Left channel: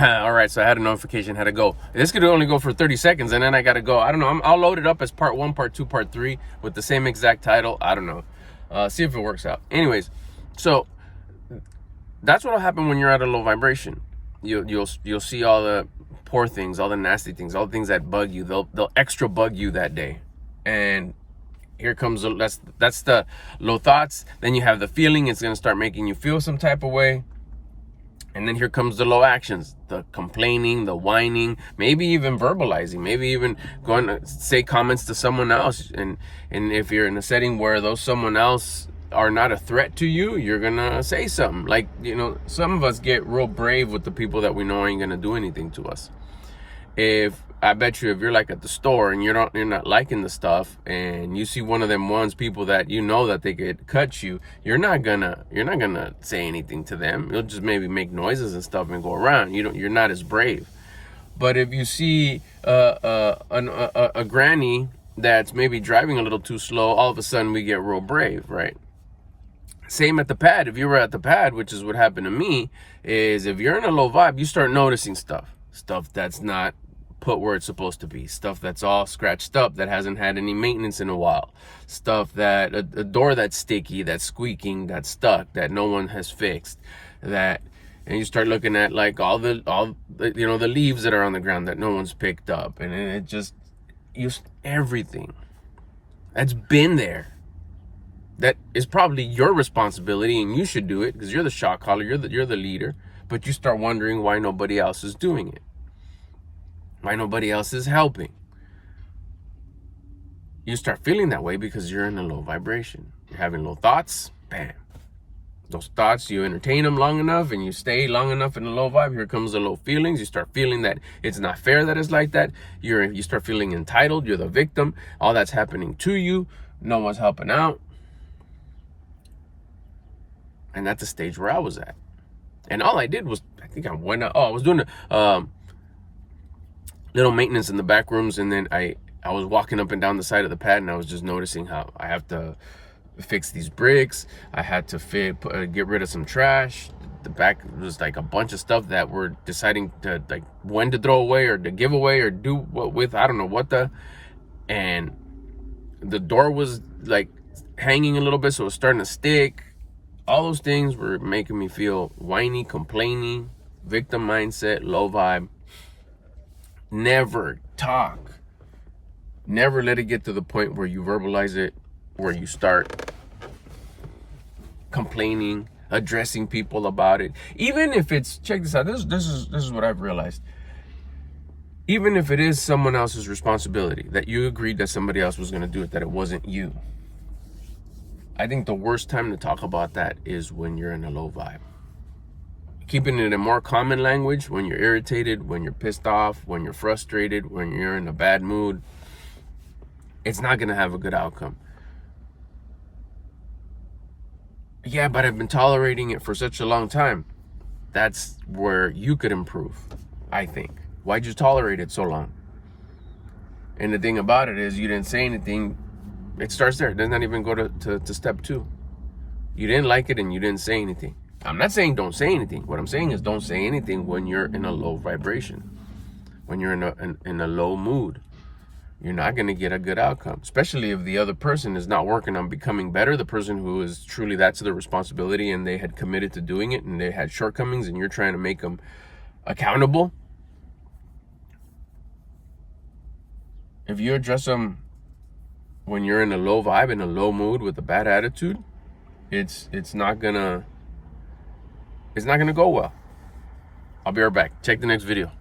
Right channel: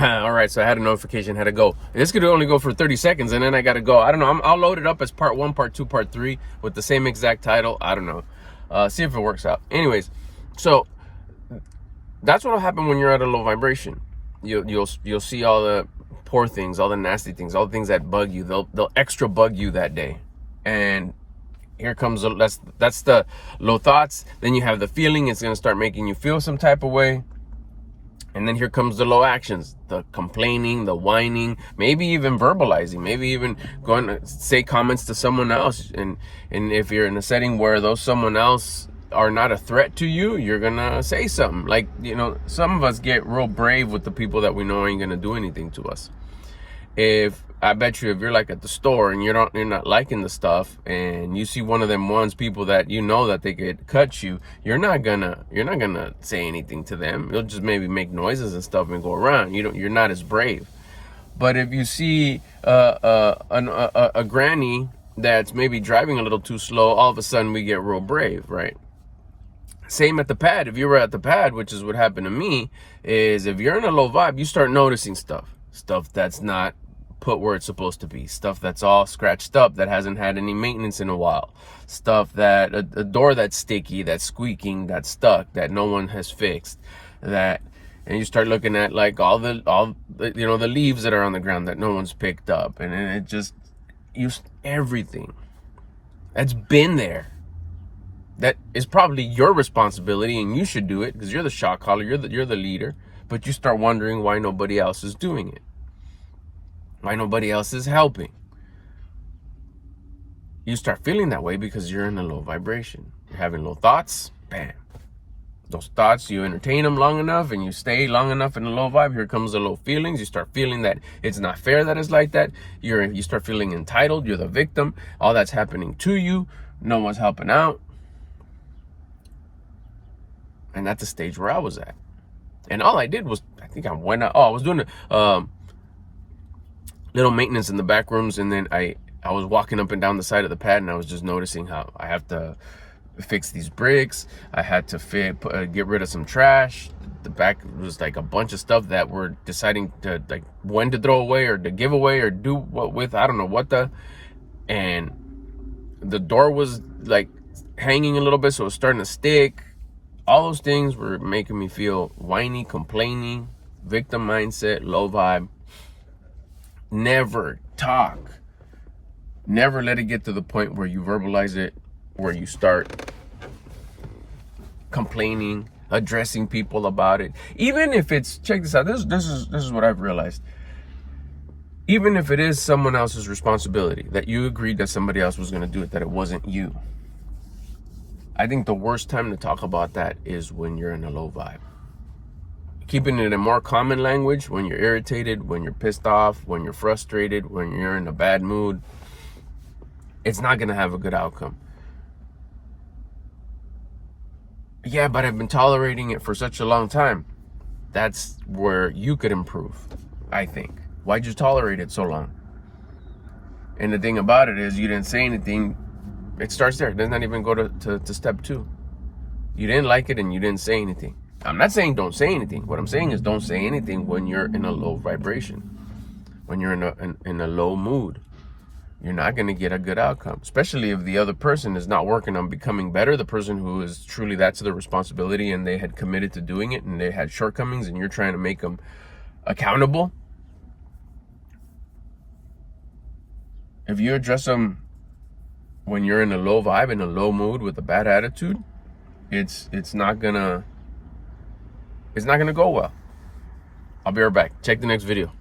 All right, so I had a notification, had to go. This could only go for 30 seconds, and then I got to go. I don't know. I'll load it up as part 1, part 2, part 3 with the same exact title. I don't know. See if it works out. Anyways, so that's what'll happen when you're at a low vibration. You'll see all the poor things, all the nasty things, all the things that bug you. They'll extra bug you that day, and here comes that's the low thoughts. Then you have the feeling. It's gonna start making you feel some type of way. And then here comes the low actions, the complaining, the whining, maybe even verbalizing, maybe even going to say comments to someone else. And if you're in a setting where those someone else are not a threat to you, you're going to say something. Like, some of us get real brave with the people that we know ain't going to do anything to us. I bet you if you're like at the store and you're not liking the stuff, and you see one of them people that that they could cut you, you're not gonna say anything to them. You'll just maybe make noises and stuff and go around. You're not as brave. But if you see a granny that's maybe driving a little too slow, all of a sudden we get real brave, right? Same at the pad. If you were at the pad, which is what happened to me, is if you're in a low vibe, you start noticing stuff that's not put where it's supposed to be, stuff that's all scratched up, that hasn't had any maintenance in a while, stuff that a door that's sticky, that's squeaking, that's stuck, that no one has fixed, and you start looking at like all the the leaves that are on the ground that no one's picked up, and it just everything that's been there, that is probably your responsibility, and you should do it because you're the shot caller, you're the leader. But you start wondering why nobody else is doing it, why nobody else is helping. You start feeling that way because you're in a low vibration. You're having low thoughts, bam. Those thoughts, you entertain them long enough and you stay long enough in a low vibe, here comes the low feelings. You start feeling that it's not fair that it's like that. You start feeling entitled, you're the victim. All that's happening to you, no one's helping out. And that's the stage where I was at. And all I did was, I was doing a little maintenance in the back rooms, and then I was walking up and down the side of the pad, and I was just noticing how I have to fix these bricks. I had to get rid of some trash. The back was like a bunch of stuff that we're deciding to like when to throw away or to give away or do what with. I don't know what and the door was like hanging a little bit, so it was starting to stick. All those things were making me feel whiny, complaining, victim mindset, low vibe. Never talk. Never let it get to the point where you verbalize it, where you start complaining, addressing people about it. Even if it's, check this out, this is what I've realized. Even if it is someone else's responsibility, that you agreed that somebody else was going to do it, that it wasn't you, I think the worst time to talk about that is when you're in a low vibe. Keeping it in more common language, when you're irritated, when you're pissed off, when you're frustrated, when you're in a bad mood, it's not going to have a good outcome. Yeah, but I've been tolerating it for such a long time. That's where you could improve, I think. Why'd you tolerate it so long? And the thing about it is, you didn't say anything. It starts there. It does not even go to step 2. You didn't like it and you didn't say anything. I'm not saying don't say anything. What I'm saying is don't say anything when you're in a low vibration, when you're in a low mood. You're not going to get a good outcome, especially if the other person is not working on becoming better. The person who is truly, that's their responsibility, and they had committed to doing it, and they had shortcomings, and you're trying to make them accountable. If you address them when you're in a low vibe, in a low mood with a bad attitude, it's not gonna go well. I'll be right back. Check the next video.